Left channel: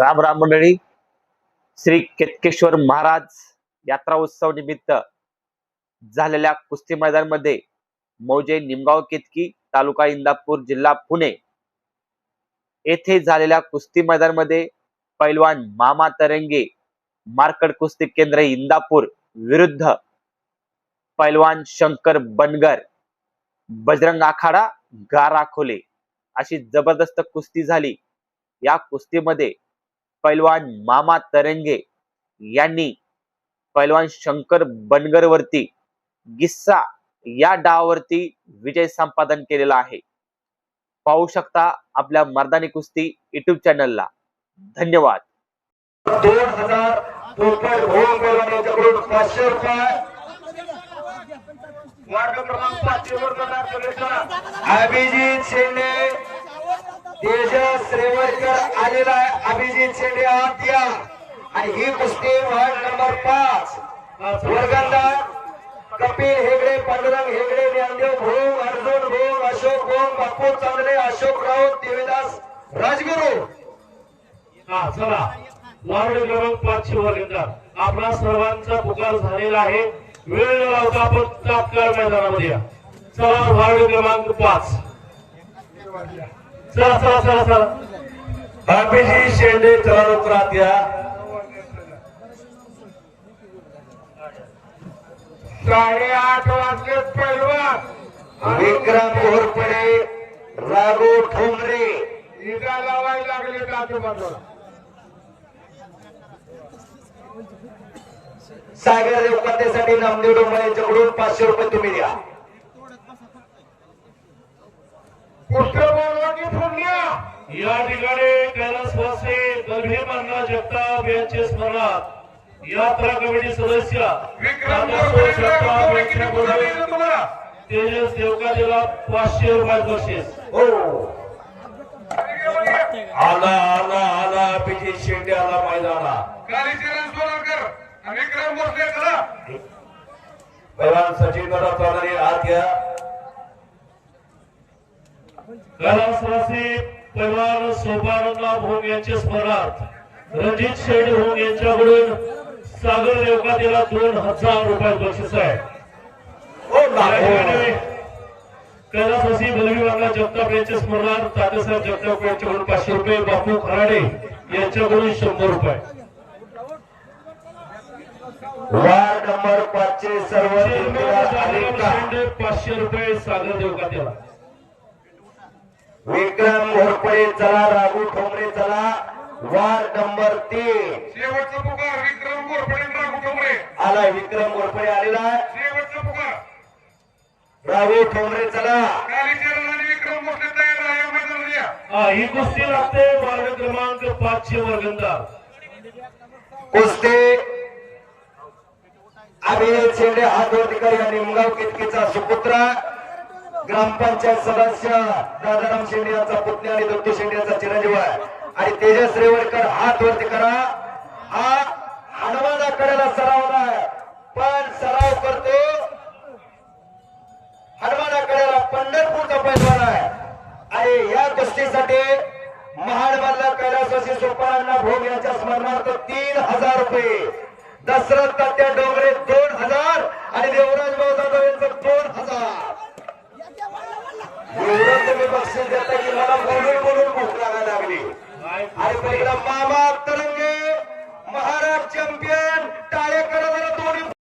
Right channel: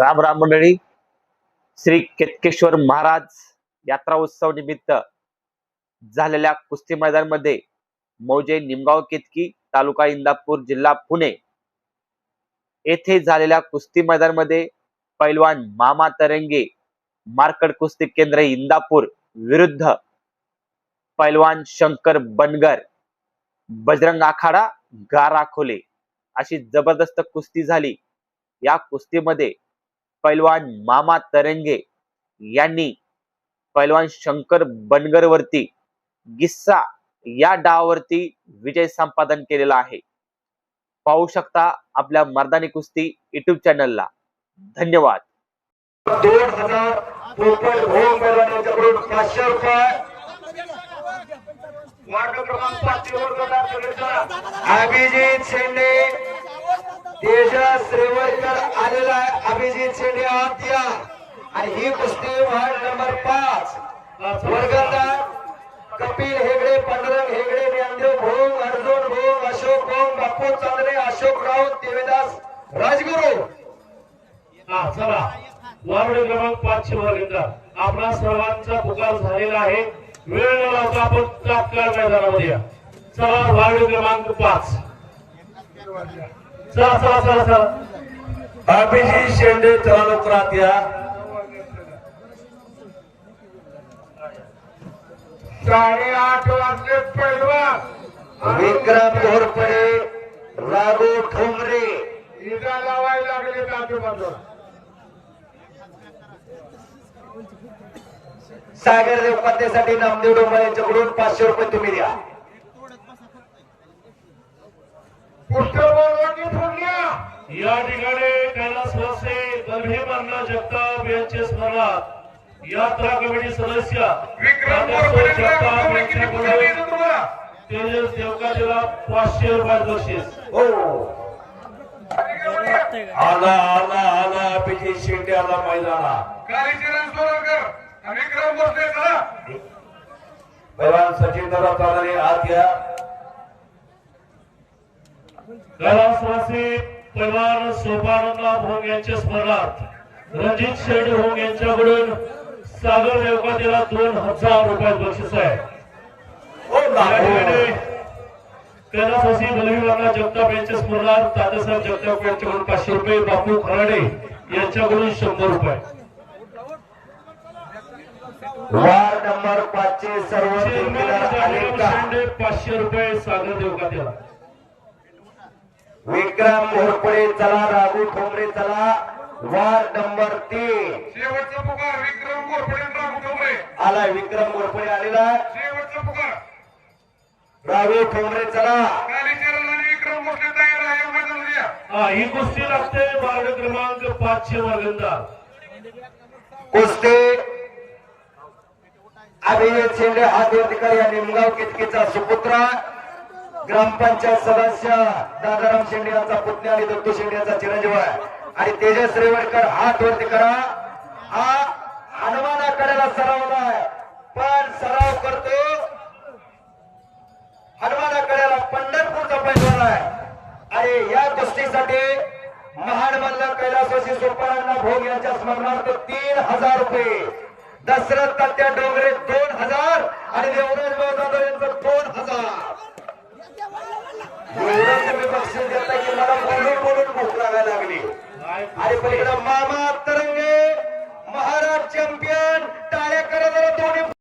राम राम मंडळी. श्री केतकेश्वर महाराज यात्रा उत्सव निमित्त झालेल्या कुस्ती मैदानामध्ये मौजे निमगाव केतकी तालुका इंदापूर जिल्हा पुणे येथे झालेल्या कुस्ती मैदानामध्ये पैलवान मामा तरंगे मार्कड कुस्ती केंद्र इंदापूर विरुद्ध पैलवान शंकर बनगर बजरंग आखाडा गाराखोले अशी जबरदस्त कुस्ती झाली. या कुस्तीमध्ये पैलवान मामा तरंगे यांनी पैलवान शंकर बनगर वरती गिस्सा या डावावरती विजय संपादन केलेला आहे. पाहू शकता आपल्या मर्दानी कुस्ती युट्यूब चॅनलला. धन्यवाद. 2000 रुपये होम पैलवानाच्याकडून 500 रुपये वार्ड क्रमांक 5 वर करणार कलेचा अभिजित शेंडे तेजस रेवळकर आलेला आहे. अभिजित शेंडे आत या. आणि ही कुस्ती वार्ड नंबर 5 वर्गदार कपिल हेगडे, पांडुरंग हेगडे, ज्ञानदेव भोंग, अर्जुन भोंग, अशोक भोंग, बापू चांदणे, अशोक राऊत, देवीदास राजगुरू. हा चला वार्ड क्रमांक 5 वर्गदार आपला सर्वांचा पुकार झालेला आहे. वेळ न लावता आपण तात्काळ मैदानामध्ये या. चला वार्ड क्रमांक 5. चला चला चला चला. अभिजित शेंडे चला लवकरात या. 8:30 वाजले पैलवान विक्रम घोरपडे, राघू ठोंबरे इजा लावायला लागले आजूबाजूला. सागर रेवकाट्यासाठी नामदेव डोंबळे यांच्याकडून 500 रुपये तुम्ही द्या. पुष्पवंती फुटल्या या ठिकाणी कैलासवासी दलभीम अण्णा जगताप यांचे स्मरणार्थ यात्रा कमिटी सदस्य विक्रम जगताप यांच्याकडून तेजस देवकाजीला 500 रुपये बक्षीस. हो आला आला आला अभिजित शेंडे आला मैदाना. पैलवान सचिन दादा चौधरी आत घ्या. कैलासवासी पैलवान सोपानंद भोंग यांचे स्मरणार्थ रणजित शेठ भोंग यांच्याकडून सागर देवकाजीला 2000 रुपये बक्षीस आहे. हो ना या ठिकाणी कैलासवासी दलवीबाबा जगताप यांच्या स्मरणार्थ तात्यासाहेब जगताप यांच्याकडून 500 रुपये, बापू खराडे यांच्याकडून 100 रुपये. वार्ड नंबर 5 चे सर्व ठेकेदार आले का? 500 रुपये सागर देवकाजीला. विक्रम घोरपडे चला, राघू ठोंबरे चला. वार्ड नंबर 3 शेवटचा पुकार विक्रम घोरपडे, राघू ठोंबरे आला. विक्रम घोरपडे आलेला आहे. शेवटचा पुकार राघू ठोंबरे चला. विक्रम घोरपडे तयार आहे या मैदानामध्ये. ही कुस्ती लागते वार्ड क्रमांक 5 चे वर्गदार कुस्ती अभिजित शेंडे हातवर्तीकर या निमगाव केतकीचा सुपुत्र, ग्रामपंचायत सदस्य दादाराम शेंडे यांचा पुतण्या आणि दत्तू शेंडे यांचा चिरंजीव आहे. आणि तेजस रेवळकर हातवरती करा. हा हनुमानाकडेला सराव आहे, पण सराव करतो हनुमानाकडेला पंढरपूरचा पैलवान आहे. आणि या कुस्तीसाठी महाडमधला कैलासवासी सोपानंद भोंग यांच्या स्मरणार्थ 3000 रुपये, दशरथ तात्या डोंगरे 2000 आणि देवराज भाऊ जाधव यांचं 2000. एवढं तुम्ही बक्षीस देता की मला बोलून बोलून भूक लागायला लागली. आणि मामा तर